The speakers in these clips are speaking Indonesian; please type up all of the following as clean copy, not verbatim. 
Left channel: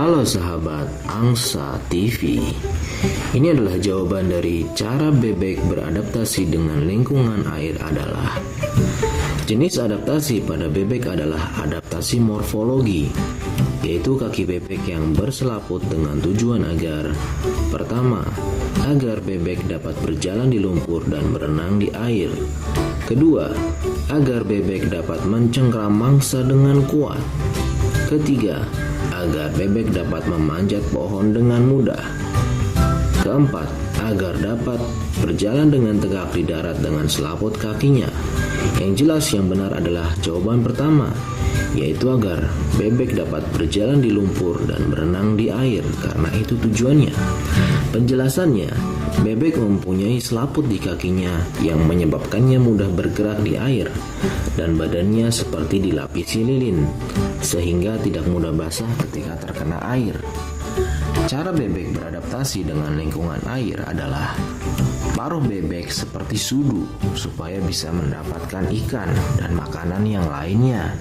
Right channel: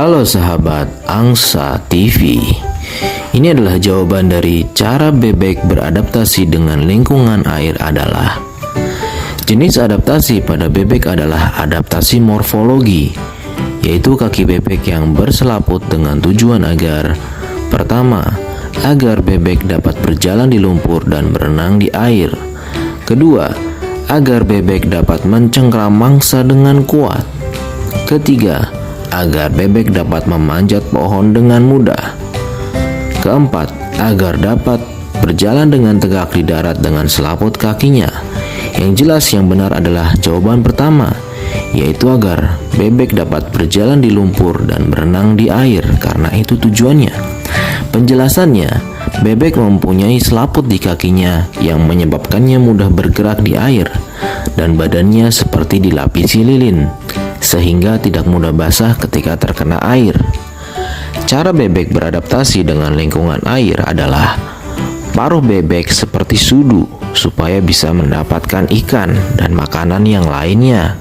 Halo sahabat Angsa TV. Ini adalah jawaban dari cara bebek beradaptasi dengan lingkungan air adalah: jenis adaptasi pada bebek adalah adaptasi morfologi, yaitu kaki bebek yang berselaput dengan tujuan agar: pertama, agar bebek dapat berjalan di lumpur dan berenang di air. Kedua, agar bebek dapat mencengkram mangsa dengan kuat. Ketiga, agar bebek dapat memanjat pohon dengan mudah. Keempat, agar dapat berjalan dengan tegak di darat dengan selaput kakinya. Yang jelas yang benar adalah jawaban pertama, yaitu agar bebek dapat berjalan di lumpur dan berenang di air, karena itu tujuannya. Penjelasannya, bebek mempunyai selaput di kakinya yang menyebabkannya mudah bergerak di air, dan badannya seperti dilapisi lilin, sehingga tidak mudah basah ketika terkena air. Cara bebek beradaptasi dengan lingkungan air adalah: paruh bebek seperti sudu supaya bisa mendapatkan ikan dan makanan yang lainnya.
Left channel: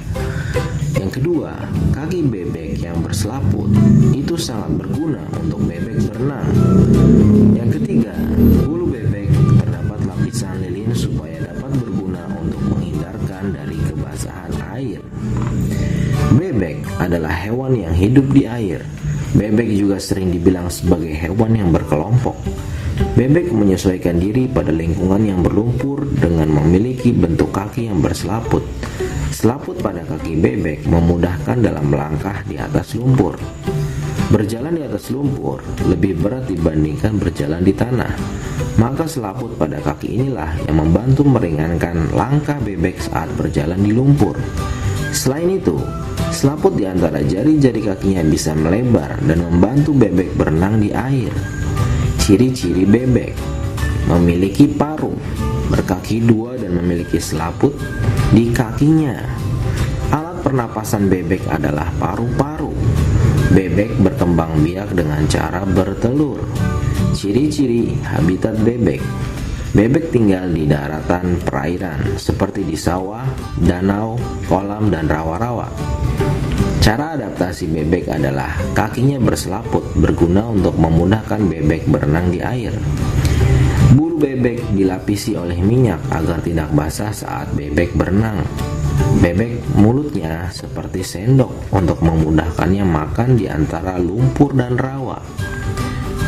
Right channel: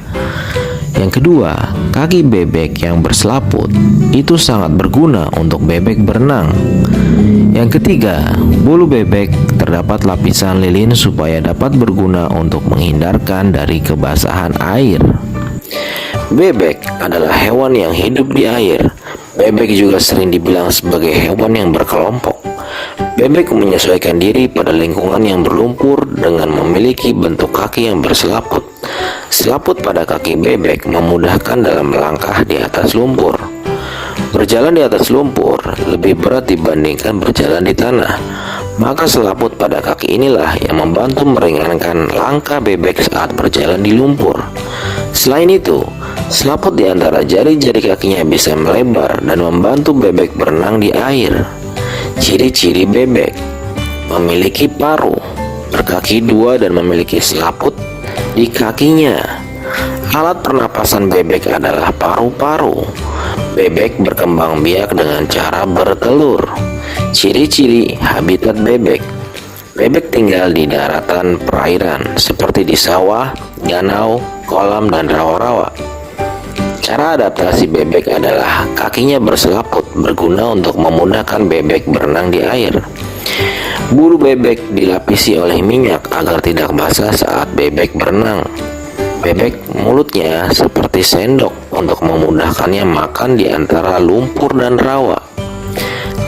Yang kedua, kaki bebek yang berselaput itu sangat berguna untuk bebek berenang. Yang ketiga, bulu bebek terdapat lapisan lilin supaya dapat berguna untuk menghindarkan dari kebasahan air. Bebek adalah hewan yang hidup di air. Bebek juga sering dibilang sebagai hewan yang berkelompok. Bebek menyesuaikan diri pada lingkungan yang berlumpur dengan memiliki bentuk kaki yang berselaput. Selaput pada kaki bebek memudahkan dalam melangkah di atas lumpur. Berjalan di atas lumpur lebih berat dibandingkan berjalan di tanah. Maka selaput pada kaki inilah yang membantu meringankan langkah bebek saat berjalan di lumpur. Selain itu, selaput di antara jari-jari kakinya bisa melebar dan membantu bebek berenang di air. Ciri-ciri bebek: memiliki paruh, berkaki dua dan memiliki selaput di kakinya. Alat pernapasan bebek adalah paru-paru. Bebek berkembang biak dengan cara bertelur. Ciri-ciri habitat bebek: bebek tinggal di daratan perairan seperti di sawah, danau, kolam, dan rawa-rawa. Cara adaptasi bebek adalah kakinya berselaput, berguna untuk memudahkan bebek berenang di air. Bulu bebek dilapisi oleh minyak agar tidak basah saat bebek berenang. Bebek mulutnya seperti sendok untuk memudahkannya makan di antara lumpur dan rawa.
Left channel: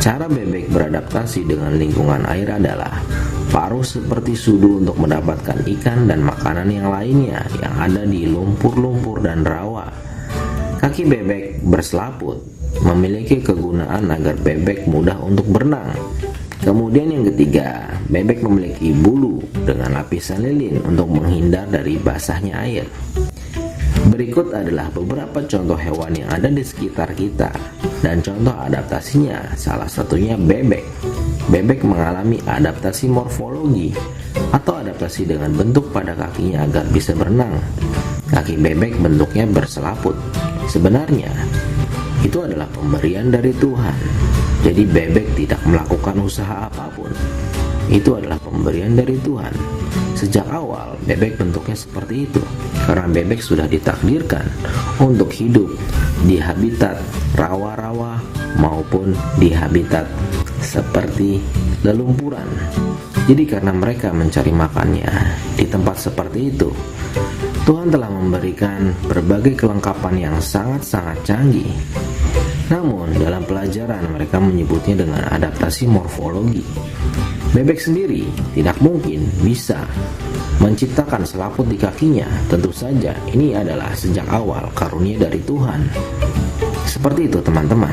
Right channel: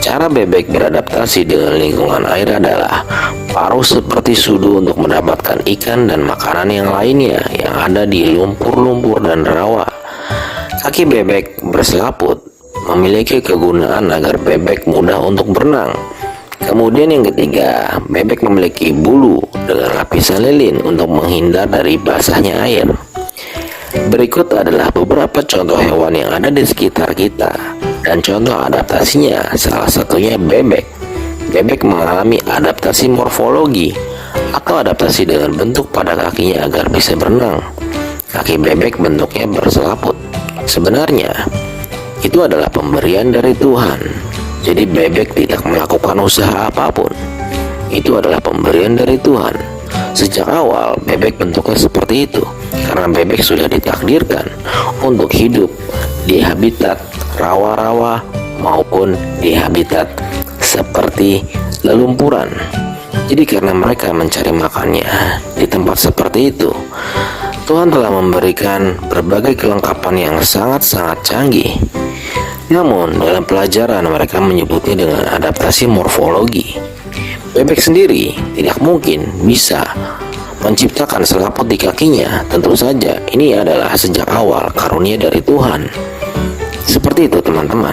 Cara bebek beradaptasi dengan lingkungan air adalah: paruh seperti sudu untuk mendapatkan ikan dan makanan yang lainnya yang ada di lumpur-lumpur dan rawa. Kaki bebek berselaput memiliki kegunaan agar bebek mudah untuk berenang. Kemudian yang ketiga, bebek memiliki bulu dengan lapisan lilin untuk menghindar dari basahnya air. Berikut adalah beberapa contoh hewan yang ada di sekitar kita dan contoh adaptasinya. Salah satunya bebek. Bebek mengalami adaptasi morfologi atau adaptasi dengan bentuk pada kakinya agar bisa berenang. Kaki bebek bentuknya berselaput. Sebenarnya itu adalah pemberian dari Tuhan. Jadi bebek tidak melakukan usaha apapun. Itu adalah pemberian dari Tuhan. Sejak awal bebek bentuknya seperti itu karena bebek sudah ditakdirkan untuk hidup di habitat rawa-rawa maupun di habitat seperti lelumpuran. Jadi karena mereka mencari makannya di tempat seperti itu, Tuhan telah memberikan berbagai kelengkapan yang sangat-sangat canggih. Namun dalam pelajaran mereka menyebutnya dengan adaptasi morfologi. Bebek sendiri tidak mungkin bisa menciptakan selaput di kakinya. Tentu saja ini adalah sejak awal karunia dari Tuhan. Seperti itu teman-teman.